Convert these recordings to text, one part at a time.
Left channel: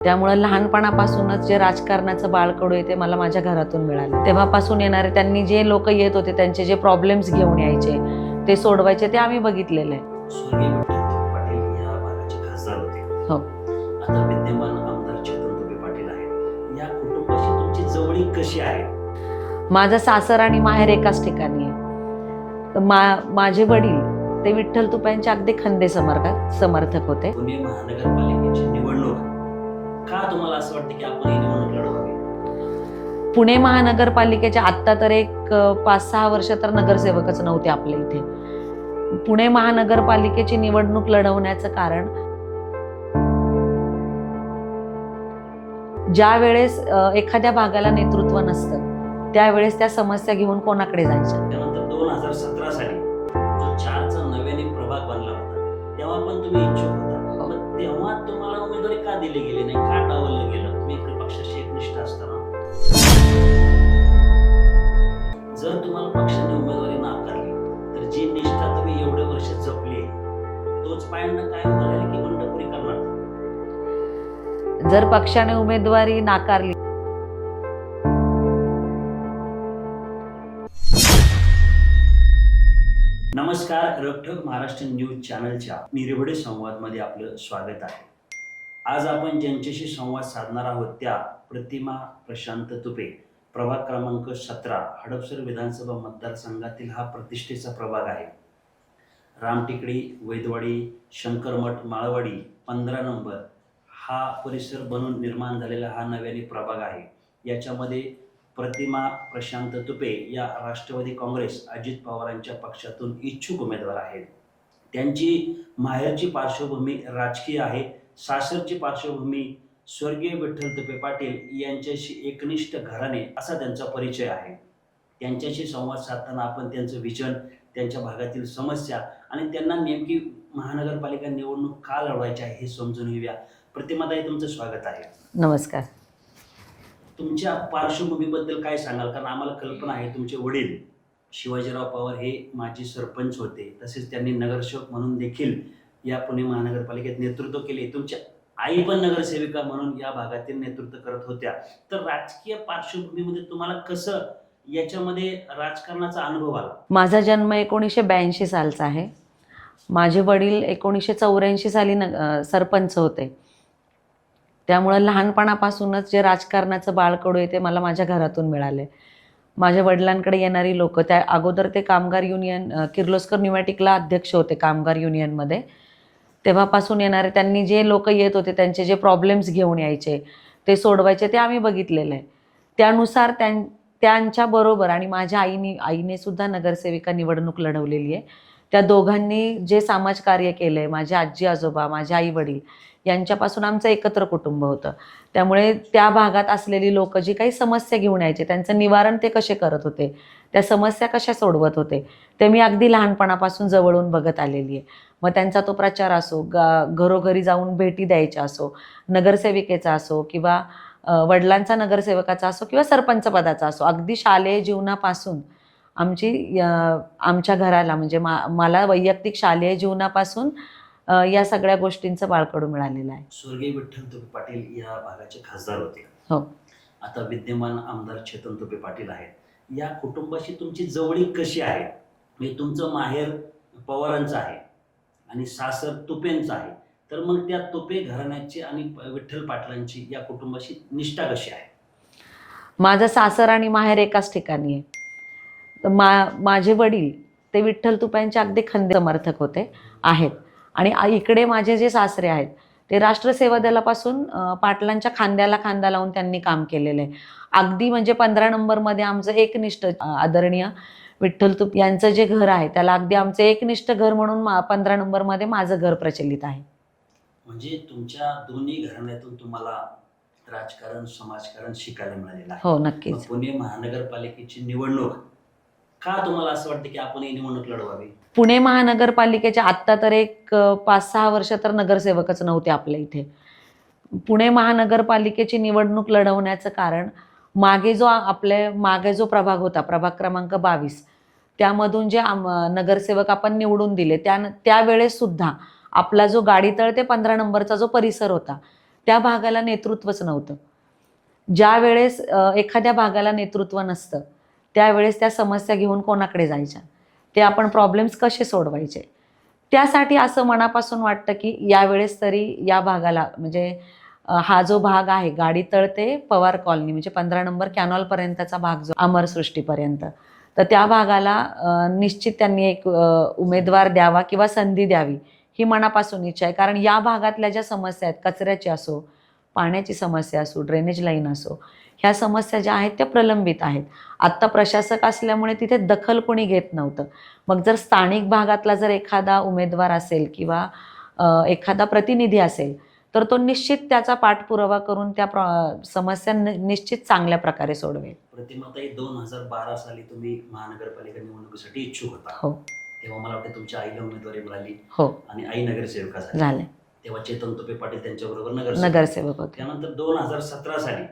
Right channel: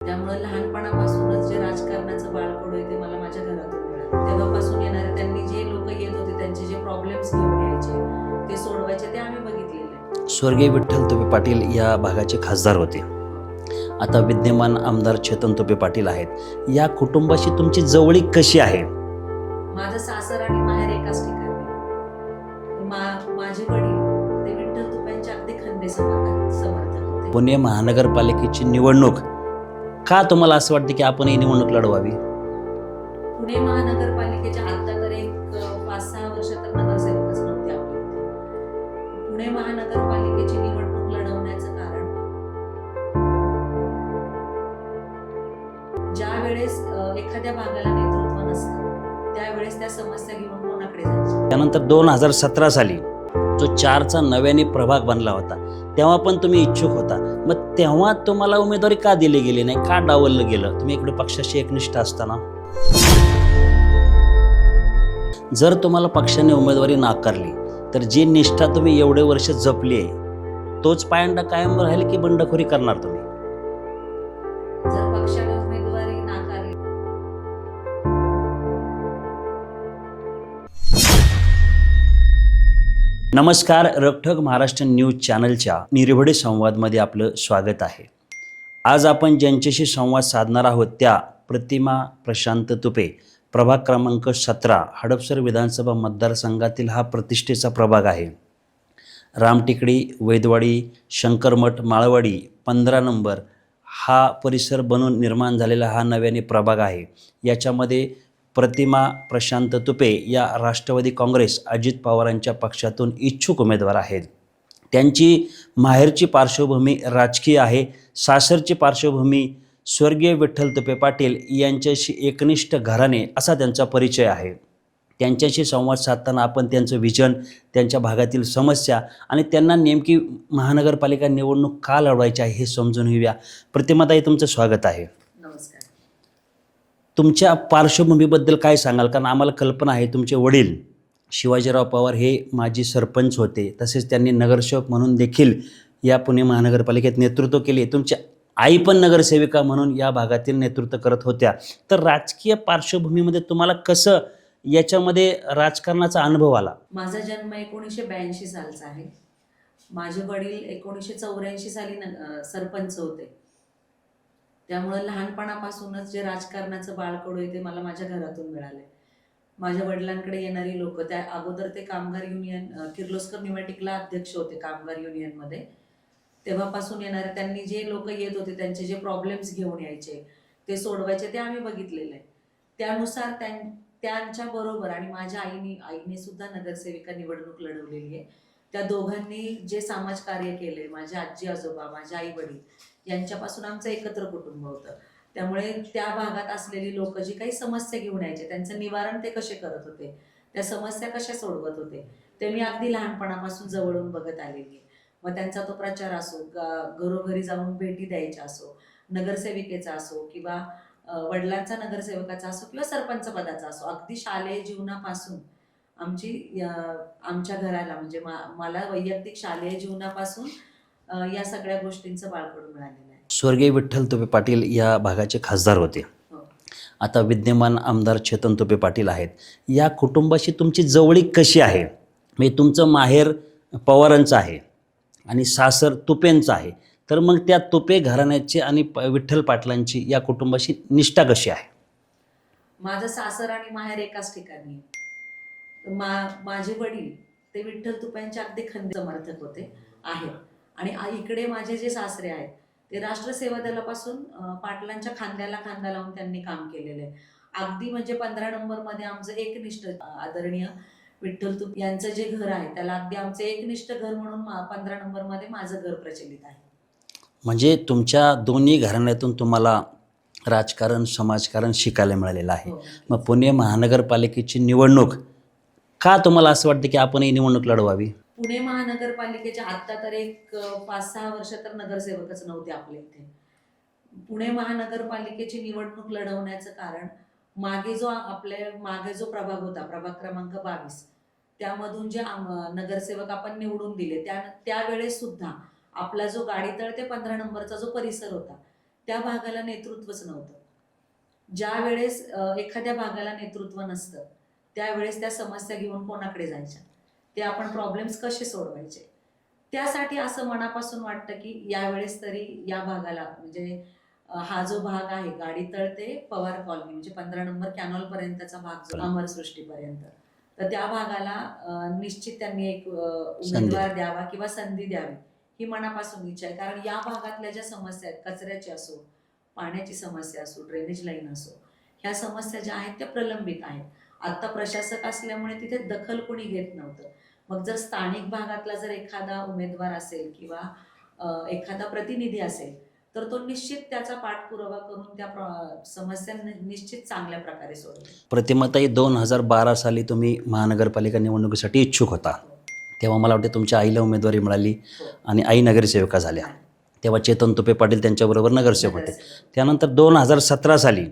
त्यामुळं लहानपणापासूनच जे राजकारणाचं बाळकडू आहे ते मला माझ्या घरातून मिळालं. तेव्हापासून येणारे त्यांनी जे लोक येत होते त्यांचे जे प्रॉब्लेम्स घेऊन यायचे ते सोडवायचे ते आम्ही बघितलेलं आहे. स्वर्गीय विठ्ठल तुपे पाटील या भागाचे खासदार होते. हो. आता विद्यमान आमदार चेतन तुपे पाटील आहेत. या कुटुंबाशी तुमची जवळीक कशी आहे? माझं सासर आणि माहेर एकाच ठिकाणी आहे. मा माझे वडील ते विठ्ठल तुप्यांचे अगदी खंदे समर्थ समर्थक होते. पुणे महानगरपालिकेची निवडणूक का तुम्हाला असं वाटतं की आपण ही निवडणूक लढवावी? पुणे महानगरपालिकेच्या आत्ता तर एक पाच सहा वर्ष तर नगरसेवकच नव्हते आपल्या इथे. पुणे महानगरपालिकेची निवडणूक लढवण्याचं कारण ज्या वेळेस एखाद्या भागाला नेतृत्व नसतं त्यावेळेस त्या समस्या घेऊन कोणाकडे जायच्या? त्यानंतर दोन हजार सतरा साली जो चारचा नव्याने प्रभाग बनला होता तेव्हा पण तुम्ही इच्छुक होता. मग तेव्हा तुम्हाला उमेदवारी का दिली गेली नाही? का डावललं गेलं? तुम्ही इकडे पक्षाशी एकनिष्ठ असताना? जर तुम्हाला पक्षाने उमेदवारी नाकारली तर जी निष्ठा तुम्ही एवढे वर्ष जपली आहे तोच पायंडा कायम राहील की बंडखोरी करणार तुम्ही? जर पक्षाने उमेदवारी नाकारली नमस्कार रकठक महाराष्ट्र न्यूज चॅनलच्या निर्भडे संवादमध्ये आपलं स्वागत आहे. आज आपण ज्यांच्याशी संवाद साधणार आहोत त्या प्रतिमा प्रशांत तुपे प्रभाग क्रमांक सतरा हडपसर विधानसभा मतदारसंघातील हा प्रतिष्ठेचा प्रभाग आहे. रामटिकडी वैदवाडी शंकरमठ माळवाडी पंधरा नंबर हा परिसर बनून निर्माण झालेला हा नव्याने प्रभाग आहे. याच्यामध्ये प्रतिमा प्रशांत तुपे या राष्ट्रवादी काँग्रेस अजित पवारांच्या पक्षातून इच्छुक उमेदवार आहेत. त्यांची माहेरची पार्श्वभूमी राजकीय आहे. सासरची पार्श्वभूमी स्वर्गीय विठ्ठल तुपे पाटील यांच्याशी एकनिष्ठ घराणे असा त्यांचा परिचय आहे. त्यांच्याशी संवाद साधताना आपण त्यांचं विजन त्यांच्या भागातील समस्या आणि त्यांना नेमकी महानगरपालिका निवडणूक का लढवायची आहे हे समजून घेऊया. प्रतिमाताई तुमचं स्वागत आहे. नमस्कार. तुमच्या पार्श्वभूमीबद्दल काय सांगाल? कारण आम्हाला कल्पना आहे तुमचे वडील शिवाजीराव पवार हे माजी सरपंच होते. तसेच त्यांनी नगरसेवक म्हणून देखील या पुणे महानगरपालिकेत नेतृत्व केले. तुमच्या आई पण नगरसेविका म्हणून या भागातील नेतृत्व करत होत्या. तर राजकीय पार्श्वभूमीमध्ये तुम्हाला कसं याच्यामध्ये राजकारणाचा अनुभव आला? माझा जन्म एकोणीसशे ब्याऐंशी सालचा आहे. माझे वडील एकोणीसशे चौऱ्याऐंशी साली न सरपंच होते. त्यामुळं लहानपणापासूनच जे राजकारणाचं बाळकडू आहे ते मला माझ्या घरातून मिळाले. माझ्या वडिलांकडे येणारी लोक त्या अगोदर ते कामगार युनियन किर्लोस्कर न्युमॅटिकला अध्यक्ष होते कामगार युनियनमध्ये. तेव्हापासून येणारे त्यांनी जे लोक येत होते त्यांचे जे प्रॉब्लेम्स घेऊन यायचे ते सोडवायचे ते आम्ही बघितलेलं आहे. त्यानुसार त्यां त्यांच्याबरोबर आणि माझ्या आईने आईने सुद्धा नगरसेविका निवडणूक लढवलेली आहे. त्या दोघांनी जे समाजकार्य केलं आहे माझे आजी आजोबा माझे आई वडील यांच्यापासून आमचं एकत्र कुटुंब होतं. त्यामुळे त्या भागात असलेली लोक जी काही समस्या घेऊन यायचे त्यांचं निवारण ते कसे करत होते त्या समस्या कशा सोडवत होते ते मी अगदी लहानपणापासून जवळून बघत आलेली आहे. मग त्यांचा तो प्रचार असो गा घरोघरी जाऊन भेटी द्यायच्या असो नगरसेविकेचा असो किंवा वडिलांचा नगरसेवकाचा असो किंवा सरपंच पदाचा असो अगदी शालेय जीवनापासून आमची आमच्या घराला म्हणजे मा मला वैयक्तिक शालेय जीवनापासून या सगळ्या गोष्टींचं बाळकडू मिळालेलं आहे. स्वर्गीय विठ्ठल तुपे पाटील या भागाचे खासदार होते. हो. आता विद्यमान आमदार चेतन तुपे पाटील आहेत. या कुटुंबाशी तुमची जवळीक कशी आहे? म्हणजे तुमचं माहेर पवारांचं आहे आणि सासर तुपेंचं आहे. तर मग त्या तुपे घराण्याची आणि विठ्ठल पाटलांची या कुटुंबाशी निष्ठा कशी आहे? माझं सासर आणि माहेर एकाच ठिकाणी आहे. तर मा माझे वडील ते विठ्ठल तुप्यांचे अगदी खंदे समर्थक होते आहेत. आणि इकडे माझे जे सासरे आहेत ते राष्ट्रसेवा दलापासून पाटलांच्या खांद्याला खांदा लावून त्यांनी काम केलेलं आहे. अगदी म्हणजे पंधरा नंबरमध्ये आमचं एकनिष्ठ आदरणीय विठ्ठल तुप यांचं जे घर आहे त्याला अगदी आमचं एकनिष्ठ घर म्हणून मा पंधरा नंबरमध्ये माझं घर प्रचलित आहे. म्हणजे तुमच्या दोन्ही घराण्यातून तुम्हाला राजकारण समाजकारण शिकायला मिळालेलं आहे. हो मग नक्कीच पुणे महानगरपालिकेची निवडणूक का तुम्हाला असं वाटतं की आपण ही निवडणूक लढवावी? पुणे महानगरपालिकेच्या आत्ता तर एक पाच सहा वर्ष तर नगरसेवकच नव्हते आपल्या इथे. पुणे महानगरपालिकेची निवडणूक लढवण्याचं कारण मागे जो आपले मागे जो प्रभाग होता प्रभाग क्रमांक बावीस त्यामधून जे आम नगरसेवक आपण निवडून दिले त्या त्यावेळेस सुद्धा आपला जो गाडीतळ ते पंधरा नंबरचा जो परिसर होता त्या भागाला नेतृत्वच नव्हतं. ज्या वेळेस एखाद्या भागाला नेतृत्व नसतं त्यावेळेस त्या समस्या घेऊन कोणाकडे जायच्या? ते आपण प्रॉब्लेम्स कसे सोडवायचे? त्यासाठी असं मनापासून वाटतं की यावेळेस तरी या भागाला म्हणजे हा जो भाग आहे गाडी तळते पवार कॉलनी म्हणजे पंधरा नंबर कॅनॉलपर्यंतचा भाग जो अमरसृष्टीपर्यंत तर त्या भागाला निश्चित त्यांनी एक उमेदवार द्यावा किंवा संधी द्यावी ही मनापासून इच्छा आहे. कारण या भागातल्या ज्या समस्या आहेत कचऱ्याची असो पाण्याची समस्या असो ड्रेनेज लाईन असो ह्या समस्या ज्या आहेत त्या प्रलंबित आहेत. आत्ता प्रशासक असल्यामुळे तिथे दखल कोणी घेत नव्हतं. मग जर स्थानिक भागातला जर एखादा उमेदवार असेल किंवा एखादा प्रतिनिधी असेल तर तो निश्चित त्याचा पाठपुरावा करून त्या प्र समस्या निश्चित चांगल्या प्रकारे सोडवेल. प्रतिमाताई दोन हजार बारा साली तुम्ही महानगरपालिका निवडणुकीसाठी इच्छुक होता. हो. तेव्हा मला वाटते तुमच्या आईला उमेदवारी मिळाली हो. आणि आई नगरसेविका झाले तेव्हा चेतन तुपे पाटील त्यांच्याबरोबर नगरसेवक. नगरसेवक त्यानंतर दोन हजार सतरा साली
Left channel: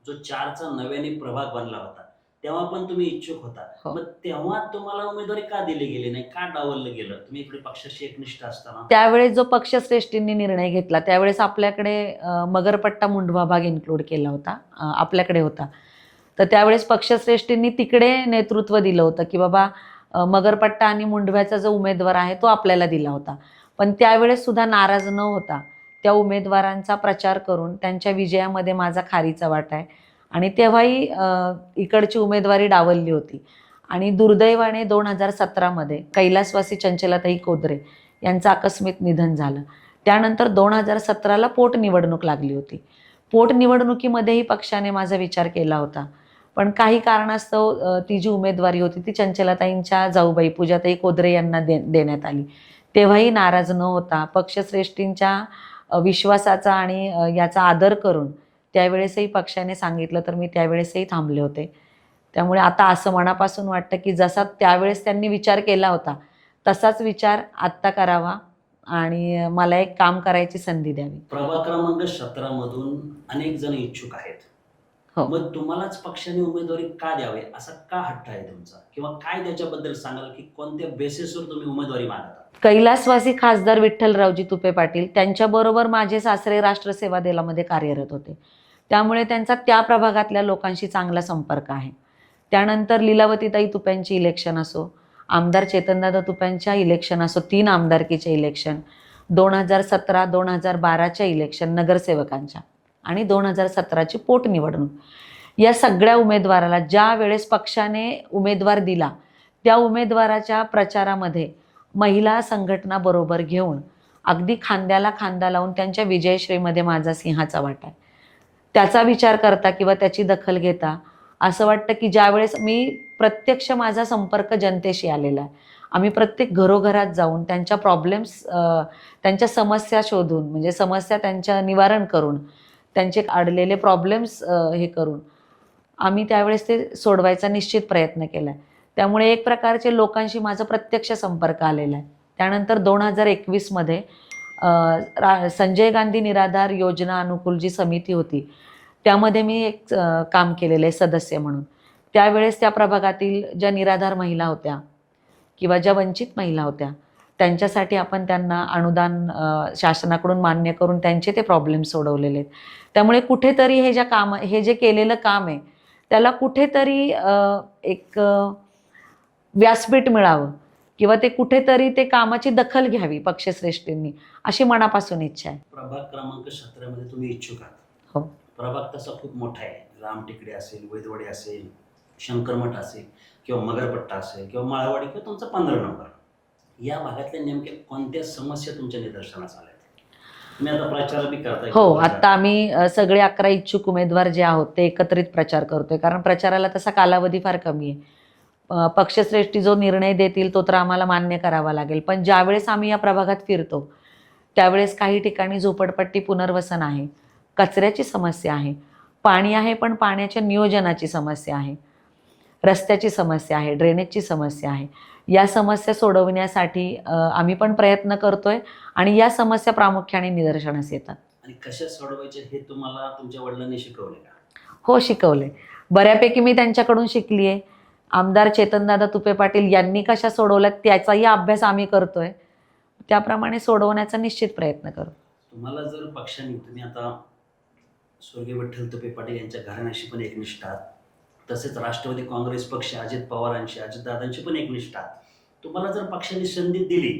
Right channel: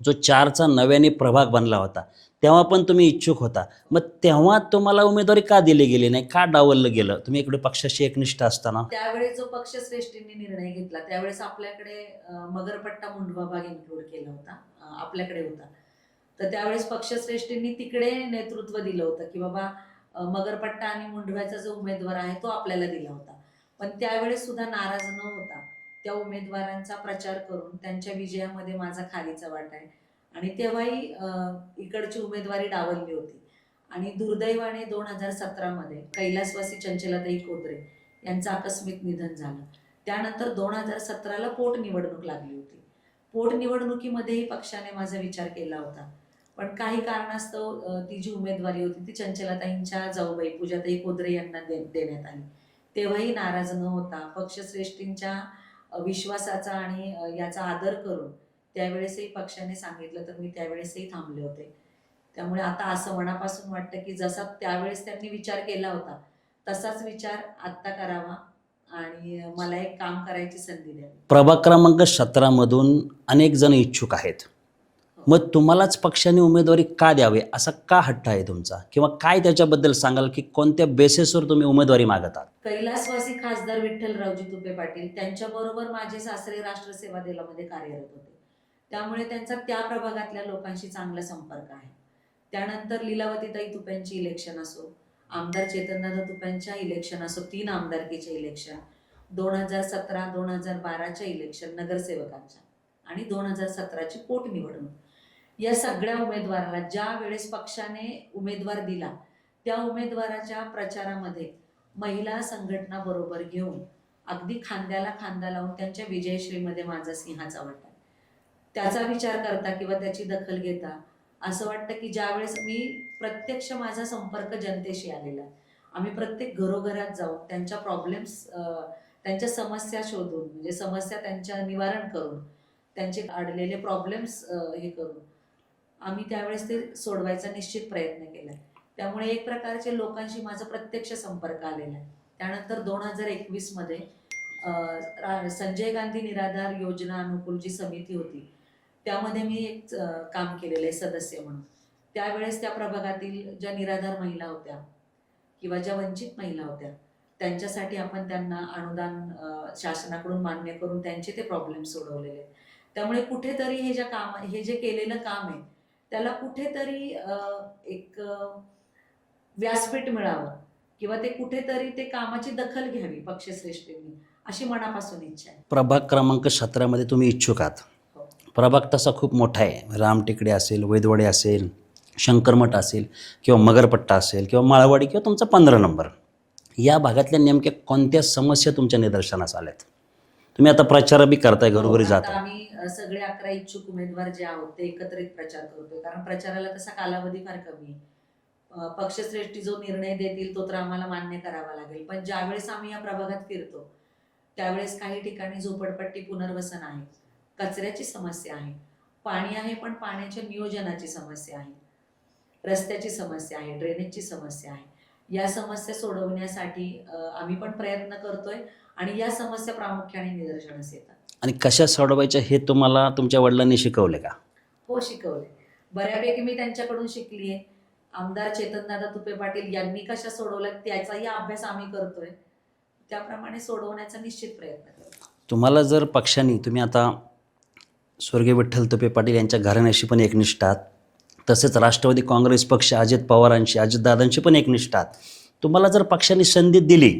जो चारचा नव्याने प्रभाग बनला होता तेव्हा पण तुम्ही इच्छुक होता. हो. मग तेव्हा तुम्हाला उमेदवारी का दिली गेली नाही? का डावललं गेलं? तुम्ही इकडे पक्षाशी एकनिष्ठ असताना? त्यावेळेस जो पक्षश्रेष्ठींनी निर्णय घेतला त्यावेळेस आपल्याकडे मगरपट्टा मुंढवा भाग इन्क्लूड केला होता आपल्याकडे होता. तर त्यावेळेस पक्षश्रेष्ठींनी तिकडे नेतृत्व दिलं होतं की बाबा मगरपट्टा आणि मुंढव्याचा जो उमेदवार आहे तो आपल्याला दिला होता. पण त्यावेळेस सुद्धा नाराज न होता त्या उमेदवारांचा प्रचार करून त्यांच्या विजयामध्ये माझा खारीचा वाटा आहे. आणि तेव्हाही इकडची उमेदवारी डावलली होती. आणि दुर्दैवाने दोन हजार सतरामध्ये कैलासवासी चंचलाताई कोदरे यांचं आकस्मिक निधन झालं. त्यानंतर दोन हजार सतराला पोटनिवडणूक लागली होती. पोटनिवडणुकीमध्येही पक्षाने माझा विचार केला होता. पण काही कारणास्तव ती जी उमेदवारी होती ती चंचलाताईंच्या जाऊबाई पूजाताई कोदरे यांना दे देण्यात आली. तेव्हाही नाराज न होता पक्षश्रेष्ठींच्या विश्वासाचा आणि याचा आदर करून त्यावेळेसही पक्षाने सांगितलं तर मी त्यावेळेसही थांबले होते. त्यामुळे आता असं मनापासून वाटतं की जसा त्यावेळेस त्यांनी विचार केला होता तसाच विचार आत्ता करावा आणि मला एक काम करायची संधी द्यावी. प्रभाग क्रमांक सतरामधून अनेक जण इच्छुक आहेत. मग तुम्हालाच पक्षाने उमेदवारी का द्यावे? असा का हट्ट आहे तुमचा? किंवा काय त्याच्याबद्दल सांगाल की कोणत्या बेसिसवर तुम्ही उमेदवारी मागत? आहात कैलासवासी खासदार विठ्ठलरावजी तुपे पाटील त्यांच्याबरोबर माझे सासरे राष्ट्रसेवा दलामध्ये कार्यरत होते. त्यामुळे त्यांचा त्या प्रभागातल्या लोकांशी चांगला संपर्क आहे. त्यानंतर लीलावतीताई तुप्यांची इलेक्शन असो आमदार चेतनदादा तुप्यांच्या इलेक्शन असो तीन आमदारकीचे इलेक्शन दोन हजार सतरा दोन हजार बाराच्या इलेक्शन नगरसेवकांच्या. आणि दोन हजार सतराची पोटनिवडणूक या सगळ्या उमेदवाराला ज्या वेळेस पक्षाने उमेदवार दिला त्या उमेदवाराच्या प्रचारामध्ये महिला संघटना बरोबर घेऊन अगदी खांद्याला खांदा लावून त्यांच्या विजयश्रीमध्ये माझा सिंहाचा वाटा आहे. त्याचा विचार करता किंवा त्याची दखल घेता असं वाटतं की ज्यावेळेस मी प्रत्यक्ष माझा संपर्क जनतेशी आलेला आहे. आम्ही प्रत्येक घरोघरात जाऊन त्यांच्या प्रॉब्लेम्स त्यांच्या समस्या शोधून म्हणजे समस्या त्यांच्या निवारण करून त्यांचे अडलेले प्रॉब्लेम्स हे करून. आम्ही त्यावेळेस ते सोडवायचा निश्चित प्रयत्न केला आहे त्यामुळे एक प्रकारचे लोकांशी माझा प्रत्यक्ष संपर्क आलेला आहे. त्यानंतर दोन हजार एकवीसमध्ये रा संजय गांधी निराधार योजना अनुकूल जी समिती होती त्यामध्ये मी एक काम केलेलं आहे सदस्य म्हणून. त्यावेळेस त्या प्रभागातील ज्या निराधार महिला होत्या किंवा ज्या वंचित महिला होत्या त्यांच्यासाठी आपण त्यांना अनुदान शासनाकडून मान्य करून त्यांचे ते प्रॉब्लेम सोडवलेले आहेत. त्यामुळे कुठेतरी हे ज्या काम हे जे केलेलं काम आहे त्याला कुठेतरी एक व्यासपीठ मिळावं किंवा ते कुठेतरी ते कामाची दखल घ्यावी पक्षश्रेष्ठींनी अशी मनापासून इच्छा आहे. प्रभाग क्रमांक सतरामध्ये तुम्ही इच्छुक आहात. हो. प्रभाग तसा खूप मोठा आहे. रामटेकडे असेल वैदवडे असेल शंकरमठ असेल किंवा मगरपट्टा असेल किंवा माळवाडी किंवा तुमचा पंधरा नंबर. या भागातल्या नेमक्या कोणत्या समस्या तुमच्या निदर्शनास आल्यात? तुम्ही आता प्रचार बी करताय हो घरोघरी आता. आम्ही सगळे अकरा इच्छुक उमेदवार जे आहोत ते एकत्रित प्रचार करतोय. कारण प्रचाराला तसा कालावधी फार कमी आहे. अ, पक्षश्रेष्ठी जो निर्णय देतील तो तर आम्हाला मान्य करावा लागेल. पण ज्यावेळेस आम्ही या प्रभागात फिरतो त्यावेळेस काही ठिकाणी झोपडपट्टी पुनर्वसन आहे कचऱ्याची समस्या आहे पाणी आहे पण पाण्याच्या नियोजनाची समस्या आहे रस्त्याची समस्या आहे ड्रेनेजची समस्या आहे. या समस्या सोडवण्यासाठी आम्ही पण प्रयत्न करतोय आणि या समस्या प्रामुख्याने निदर्शनास येतात. आणि कशा सोडवायच्या हे तुम्हाला तुमच्या वडिलांनी शिकवले का? हो शिकवले. बऱ्यापैकी मी त्यांच्याकडून शिकली आहे आमदार चेतनदादा तुपे पाटील यांनी कशा सोडवल्यात त्याचाही अभ्यास आम्ही करतोय. त्याप्रमाणे सोडवण्याचा निश्चित प्रयत्न करतो. तुम्हाला जर पक्षाने तुम्ही आता स्वर्गीय विठ्ठल तुपे पाटील यांच्या घराण्याशी पण एकनिष्ठ आहात तसेच राष्ट्रवादी काँग्रेस पक्ष अजित पवारांशी अजितदादांशी पण एकनिष्ठ आहात. तुम्हाला जर पक्षाने संधी दिली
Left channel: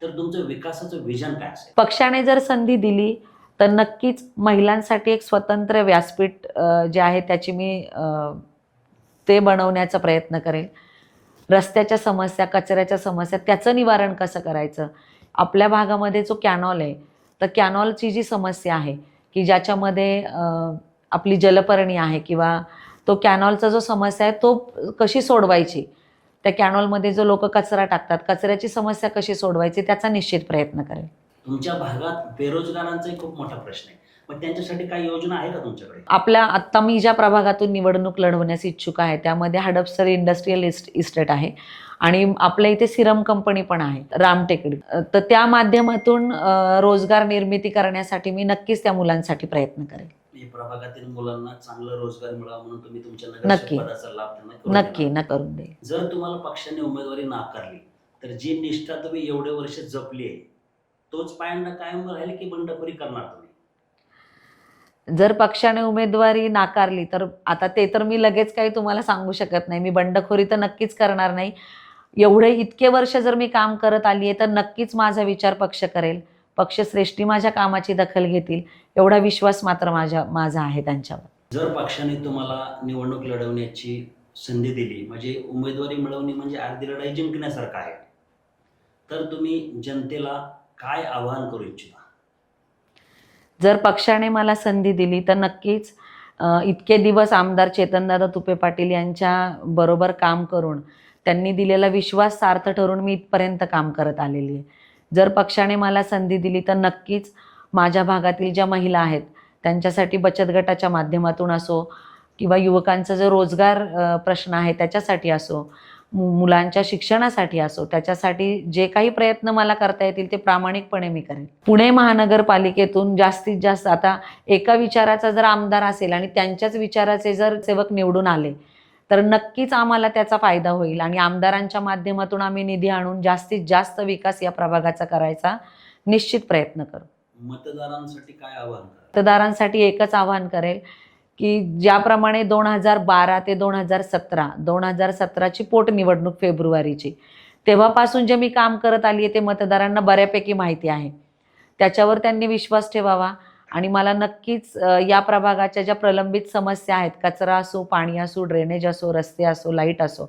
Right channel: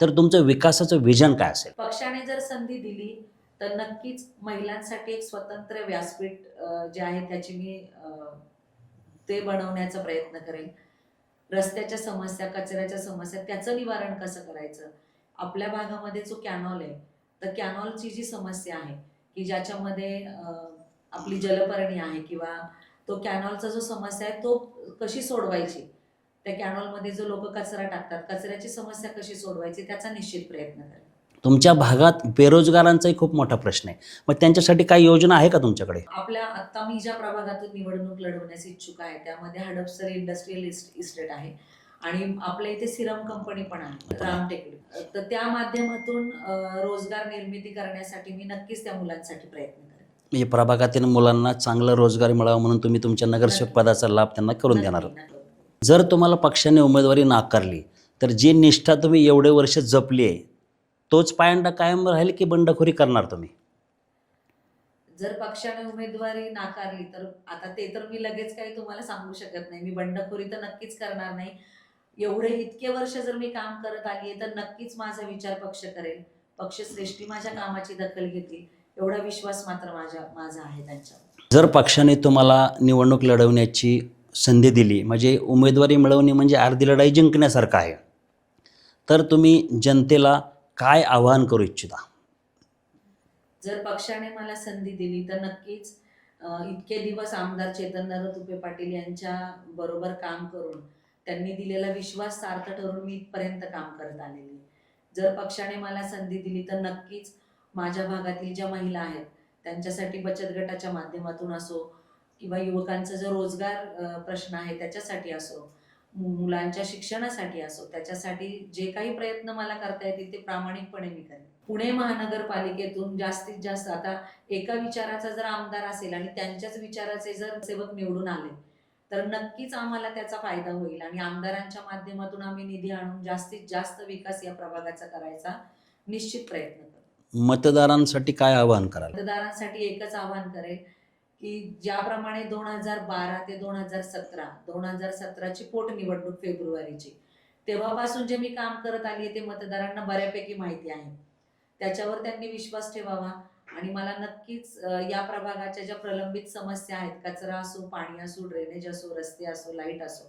तर तुमचं विकासाचं विजन काय असेल? पक्षाने जर संधी दिली तर नक्कीच महिलांसाठी एक स्वतंत्र व्यासपीठ जे आहे त्याची मी ते बनवण्याचा प्रयत्न करेल रस्त्याच्या समस्या कचऱ्याच्या समस्या त्याचं निवारण कसं करायचं? आपल्या भागामध्ये जो कॅनॉल आहे तर कॅनॉलची जी समस्या आहे की ज्याच्यामध्ये आपली जलपर्णी आहे किंवा तो कॅनॉलचा जो समस्या आहे तो कशी सोडवायची? त्या कॅनॉलमध्ये जो लोक कचरा टाकतात कचऱ्याची समस्या कशी सोडवायची त्याचा निश्चित प्रयत्न करेल. तुमच्या भागात बेरोजगारांचाही खूप मोठा प्रश्न आहे. मग त्यांच्यासाठी काही योजना आहे का तुमच्याकडे? आपल्या आत्ता मी ज्या प्रभागातून निवडणूक लढवण्यास इच्छुक आहे त्यामध्ये हडपसर इंडस्ट्रीयल इस्ट इस्टेट आहे. आणि आपल्या इथे सिरम कंपनी पण आहे रामटेकडी तर त्या माध्यमातून रोजगार निर्मिती करण्यासाठी मी नक्कीच त्या मुलांसाठी प्रयत्न करेल म्हणजे प्रभागातील मुलांना चांगला रोजगार मिळावा म्हणून तुम्ही तुमच्या नगरसेवक. पदाचा लाभ त्यांना करून देणार करून जर तुम्हाला पक्षाने उमेदवारी नाकारली तर जी निष्ठा तुम्ही एवढे वर्ष जपली आहे तोच पायंडा कायम राहील की बंडखोरी करणार तुम्ही? जर पक्षाने उमेदवारी नाकारली तर आता ते तर मी लगेच काही तुम्हाला सांगू शकत नाही. मी बंडखोरी तर नक्कीच करणार नाही. एवढे इतके वर्ष जर मी काम करत आली आहे तर नक्कीच माझा विचार पक्ष करेल. पक्षश्रेष्ठी माझ्या कामाची दखल घेतील. एवढा विश्वास मात्र माझ्या माझा आहे त्यांच्यावर. जर पक्षाने तुम्हाला निवडणूक लढवण्याची संधी दिली म्हणजे उमेदवारी मिळवणे म्हणजे अर्धी लढाई जिंकण्यासारखं आहे तर तुम्ही जनतेला काय आवाहन करू इच्छिता? जर पक्षाने मला संधी दिली तर नक्कीच इतके दिवस आमदार चेतनदादा तुपे पाटील यांच्या बरोबर काम करून त्यांनी दिलेला विश्वास सार्थ ठरून मी इथपर्यंत काम करत आलेली आहे. जर पक्षाने मला संधी दिली तर नक्कीच माझ्या भागातील ज्या महिला आहेत त्यांच्यासाठी बचत गटाच्या माध्यमातून असो किंवा युवकांचा जो रोजगार प्रश्न आहे त्याच्यासाठी असो मुलांच्या शिक्षणासाठी असो त्याच्यासाठी जे काही प्रयत्न मला करता येतील ते प्रामाणिकपणे मी करेन. पुणे महानगरपालिकेतून जास्तीत जास्त आता एका विचाराचा जर आमदार असेल आणि त्यांच्याच विचाराचे जर सेवक निवडून आले तर नक्कीच आम्हाला त्याचा फायदा होईल. आणि आमदारांच्या माध्यमातून आम्ही निधी आणून जास्तीत जास्त विकास या प्रभागाचा करायचा निश्चित प्रयत्न करू. मतदारांसाठी काय आवाहन कराल? मतदारांसाठी एकच आवाहन करेल की ज्याप्रमाणे दोन हजार बारा ते दोन हजार सतरा दोन हजार सतराची पोटनिवडणूक फेब्रुवारीची तेव्हापासून जे मी काम करत आली आहे ते मतदारांना बऱ्यापैकी माहिती आहे. त्याच्यावर त्यांनी विश्वास ठेवावा. आणि मला नक्कीच या प्रभागाच्या ज्या प्रलंबित समस्या आहेत कचरा असो पाणी असो ड्रेनेज असो रस्ते असो लाइट असो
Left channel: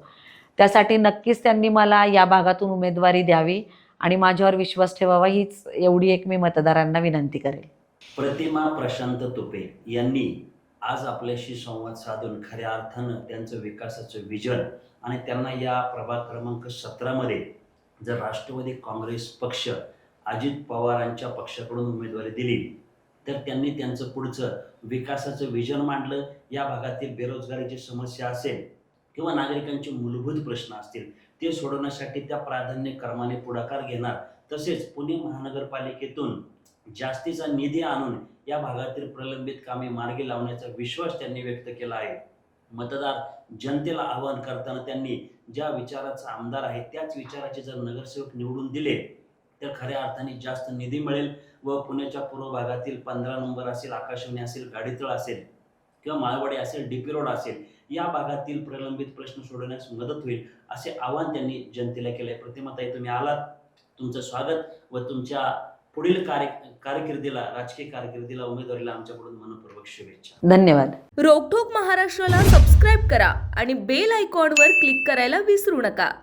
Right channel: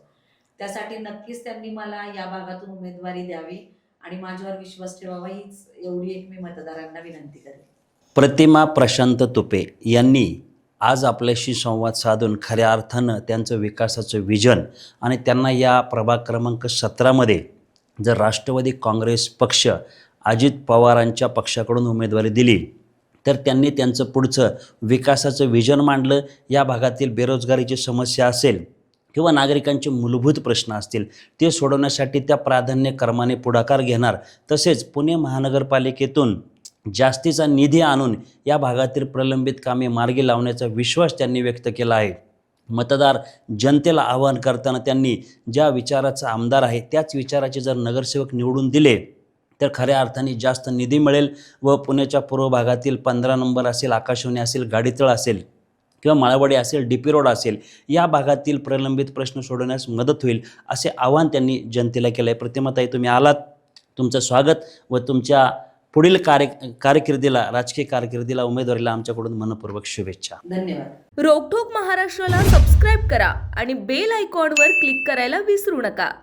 त्यासाठी नक्कीच त्यांनी मला या भागातून उमेदवारी द्यावी आणि माझ्यावर विश्वास ठेवावा हीच एवढी एक मी मतदारांना विनंती करेल. प्रतिमा प्रशांत तुपे यांनी आज आपल्याशी संवाद साधून खऱ्या अर्थानं त्यांचं विकासाचं विजन आणि त्यांना या प्रभाग क्रमांक सतरामध्ये जर राष्ट्रवादी काँग्रेस पक्ष अजित पवारांच्या पक्षाकडून उमेदवारी दिली तर त्यांनी त्यांचं पुढचं विकासाचं विजन मांडलं. या भागातील बेरोजगारीची समस्या असेल किंवा नागरिकांचे मूलभूत प्रश्न असतील ते सोडवण्यासाठी त्या प्राधान्यक्रमाने पुढाकार घेणार. तसेच पुणे महानगरपालिकेतून जास्तीचा निधी आणून या भागातील प्रलंबित कामे मार्गी लावण्याचा विश्वास त्यांनी व्यक्त केला आहे. मतदार जनतेला आवाहन करताना त्यांनी ज्या विचाराचा आमदार आहे त्याच विचाराचे जर नगरसेवक निवडून दिले तर खऱ्या अर्थाने जास्त निधी मिळेल व पुण्याच्या पूर्व भागातील पंधरा नंबर असेल आकाशवाणी असेल गाडीतळ असेल किंवा माळवाडी असेल डी पी रोड असेल या भागातील प्रलंबित प्रश्न सोडवण्यास मदत होईल असे आवाहन त्यांनी जनतेला केलं आहे प्रतिमाताई तुम्ही आलात. तुमचं स्वागत व तुमच्या पुढील कार्य कारकिर्दीला राजकीय कारकिर्दीला उमेदवारीला आमच्याकडून मनपूर्वक शुभेच्छा. धन्यवाद. रोकठोक महाराष्ट्राला सबस्क्राईब करा आणि बेल आयकॉनवर क्लिक करायला विसरू नका.